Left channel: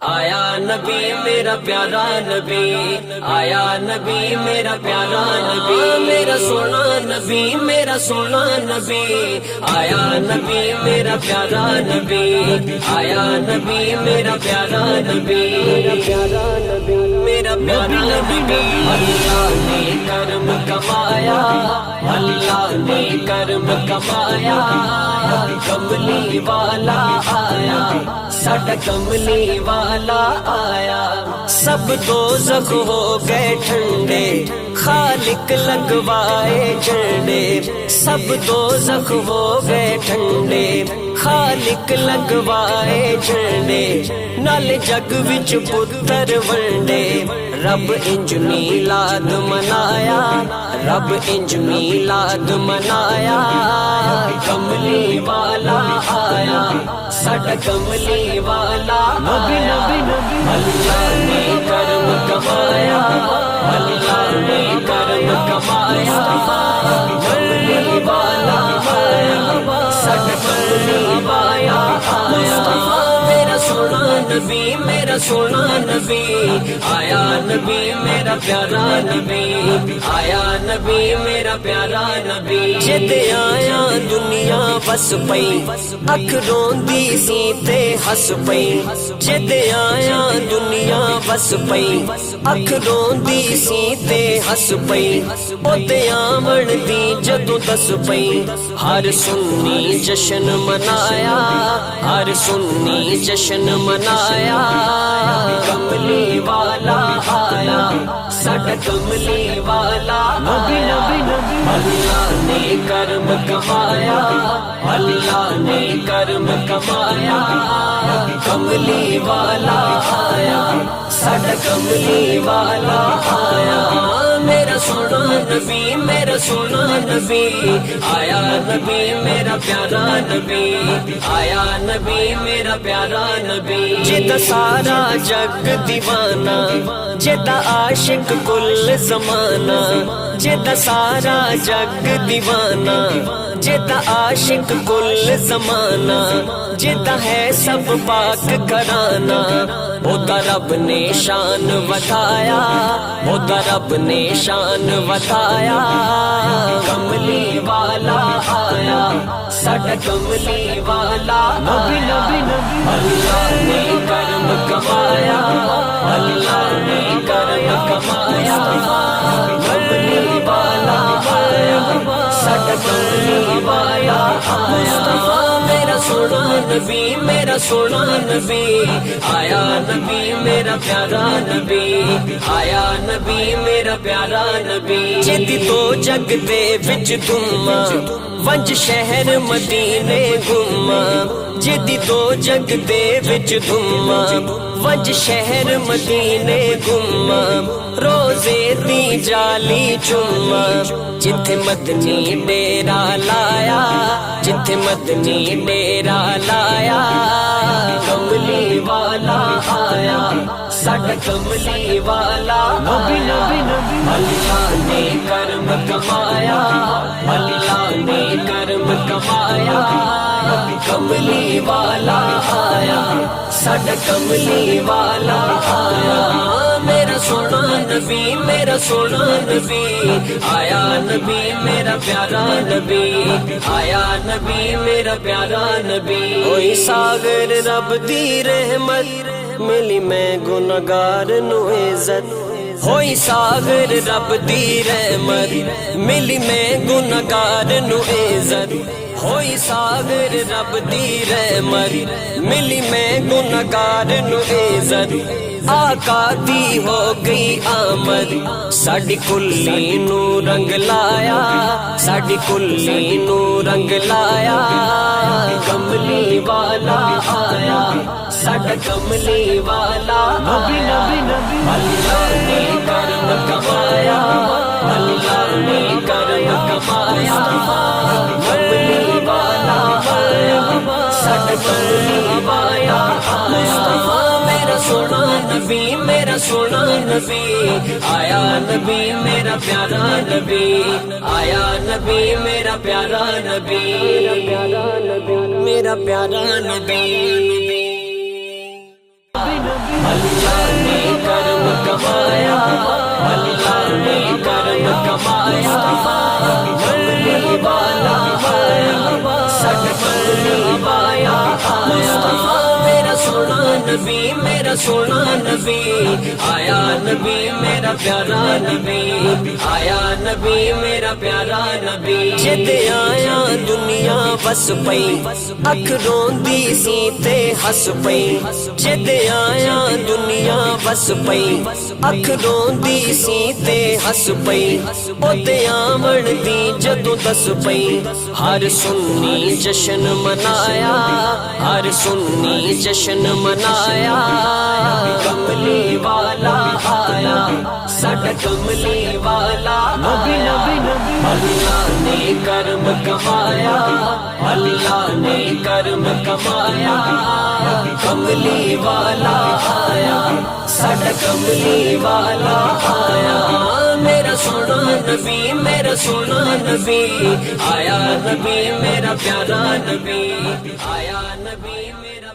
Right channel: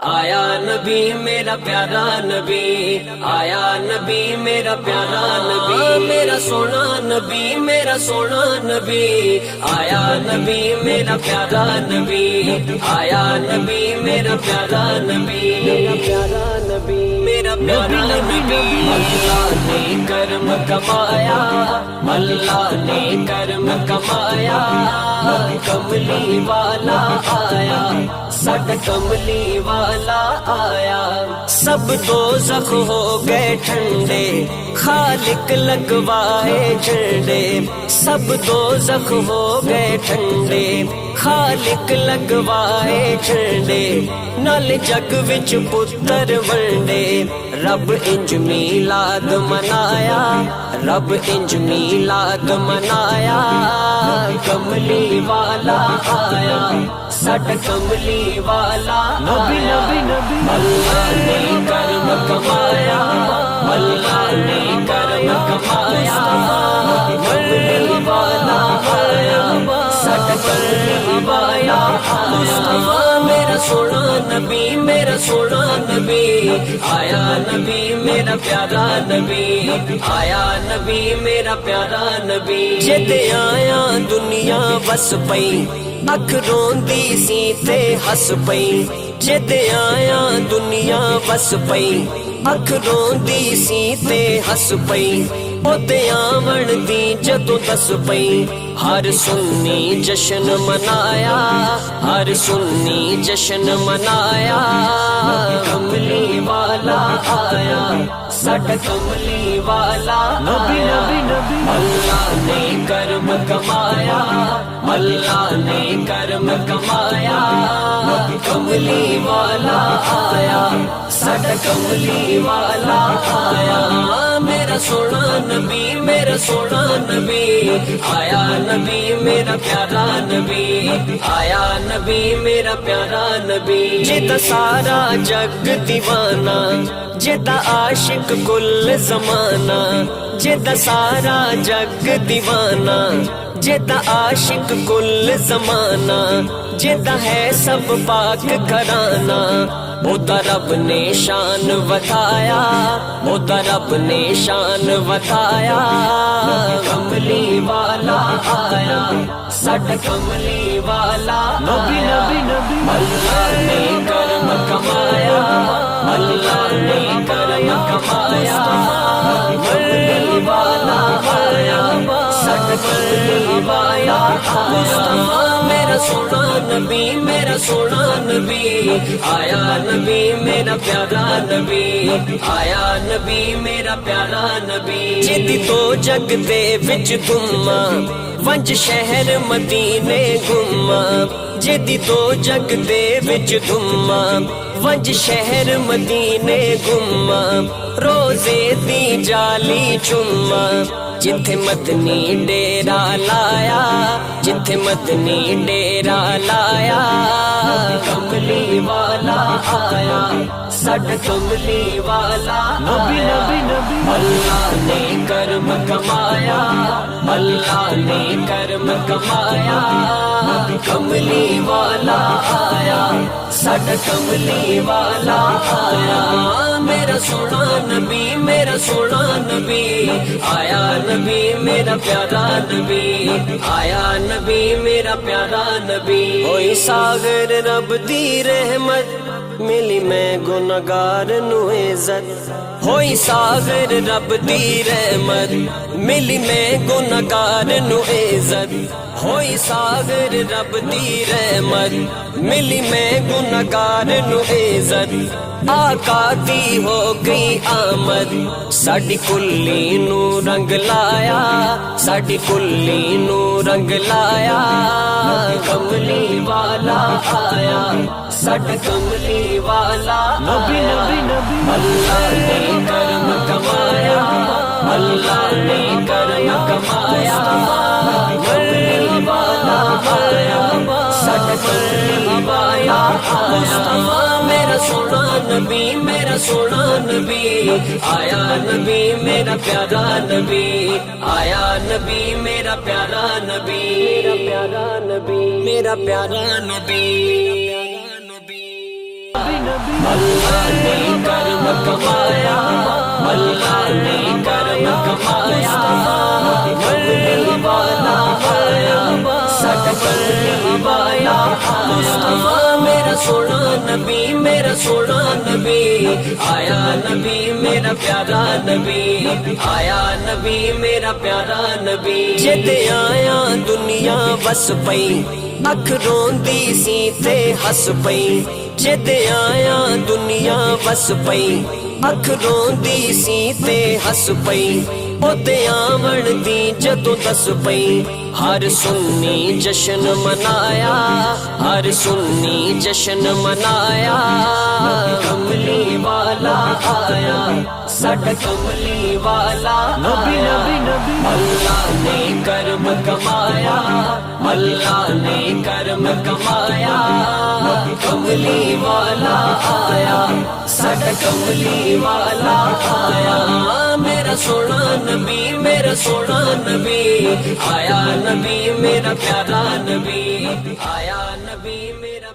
آیا نبی میرا پیارا نبی، آیا نبی میرا پیارا نبی، میرا سونا نبی، میرا سونا نبی، آیا نبی میرا پیارا نبی، آیا نبی میرا پیارا نبی، میرا پیارا نبی، میرا پیارا نبی۔ اللہ نے کرم کمایا، اللہ نے کرم کمایا، کملی والا آیا، ساڈا کملی والا آیا۔ سب دوزخ ہو گئے ٹھنڈے، خالق لگوائے جھنڈے، سب دوزخ ہو گئے ٹھنڈے، خالق لگوائے جھنڈے، نال جگ وچ پتر ونڈے، رب انج میلاد منایا، رب انج میلاد منایا، کملی والا آیا، ساڈا کملی والا نبی نبی نبی اللہ نے کرم کمایا، اللہ نے کرم کمایا، کملی والا آیا، ساڈا کملی والا مصطفیٰ، میرا سونا نبی، میرا سونا نبی، آیا نبی میرا پیارا نبی، آیا نبی میرا پیارا نبی۔ جد آیا دنیا وس پئی، اکھ روندی سی تے ہس پئی، جد آیا دنیا وس پئی، اکھ روندی سی تے ہس پئی، اودے آمن دی جدوں دس پئی، ہر سنی جشن منایا، ہر سنی جشن منایا، کملی والا آیا، ساڈا کملی والا نبی نبی نبی اللہ نے کرم کمایا، اللہ نے کرم کمایا، کملی والا آیا، ساڈا کملی والا آیا، میرا سونا نبی، میرا سونا نبی، آیا نبی میرا پیارا نبی، آیا نبی میرا پیارا نبی۔ جدا سارا جگ دیوانہ، جدا عاشق کل زمانہ، جدا سارا جگ دیوانہ، جدا عاشق کل زمانہ، جدا ہے سب پاک گھرانہ، اودا رب نے شان ودھایا، اودا رب نے شان ودھایا، کملی والا آیا، ساڈا کملی والا نبی نبی نبی اللہ نے کرم کمایا، اللہ نے کرم کمایا، کملی والا آیا، ساڈا کملی والا مصطفیٰ، میرا سونا نبی، میرا سونا نبی، آیا نبی میرا پیارا نبی، آیا نبی میرا پیارا نبی۔ جدی تو جگ دے وچ دھما، ونج شہر مدینے گھما، جدی تو جگ دے وچ دھما، ونج شہر مدینے گھما، روزے دی جالی چما، جتھے مدنی ڈیرا لایا، جتھے مدنی ڈیرا لایا، کملی والا آیا، ساڈا کملی والا نبی نبی نبی اللہ نے کرم کمایا، اللہ نے کرم کمایا، کملی والا آیا، ساڈا کملی والا آیا، میرا سونا نبی، میرا سونا نبی، آیا نبی میرا پیارا نبی، آیا نبی میرا پیارا نبی۔ ہوئی ساغر رب دی رحمت، ملی میں گناہگار نو عزت، ہوئی ساغر رب دی رحمت، ملی میں گناہگار نو عزت، ہوئی ساغر رب دی رحمت، ملی میں گناہگار نو عزت، آقا دی ہو گئی آمد، ساڈی کلی نو رنگ لایا، ساڈی کلی نو رنگ لایا، کملی والا آیا، ساڈا کملی والا نبی نبی نبی اللہ نے کرم کمایا، اللہ نے کرم کمایا، کملی والا آیا، ساڈا کملی والا مصطفیٰ، میرا سونا نبی، میرا سونا نبی، آیا نبی میرا پیارا نبی، آیا نبی میرا پیارا نبی، میرا پیارا نبی، میرا پیارا نبی۔ نبی نبی اللہ نے کرم کمایا اللہ نے کرم کمایا مرحبا مرحبا مرحبا یا مصطفیٰ میرا سونا نبی میرا سونا نبی آیا نبی میرا پیارا نبی آیا نبی میرا پیارا نبی جد آیا دنیا وس پئی اکھ روندی سی تے ہس پئی جد آیا دنیا وس پئی اکھ روندی سی تے ہس پئی اودے آون دی جدوں دس پئی ہر سنی جشن منایا ہر سنی جشن منایا کملی والا آیا ساڈا کملی والا نبی نبی نبی اللہ نے کرم کمایا اللہ نے کرم کمایا کملی والا آیا ساڈا کملی والا آیا میرا سونا نبی میرا سونا نبی آیا نبی میرا پیارا نبی آیا نبی میرا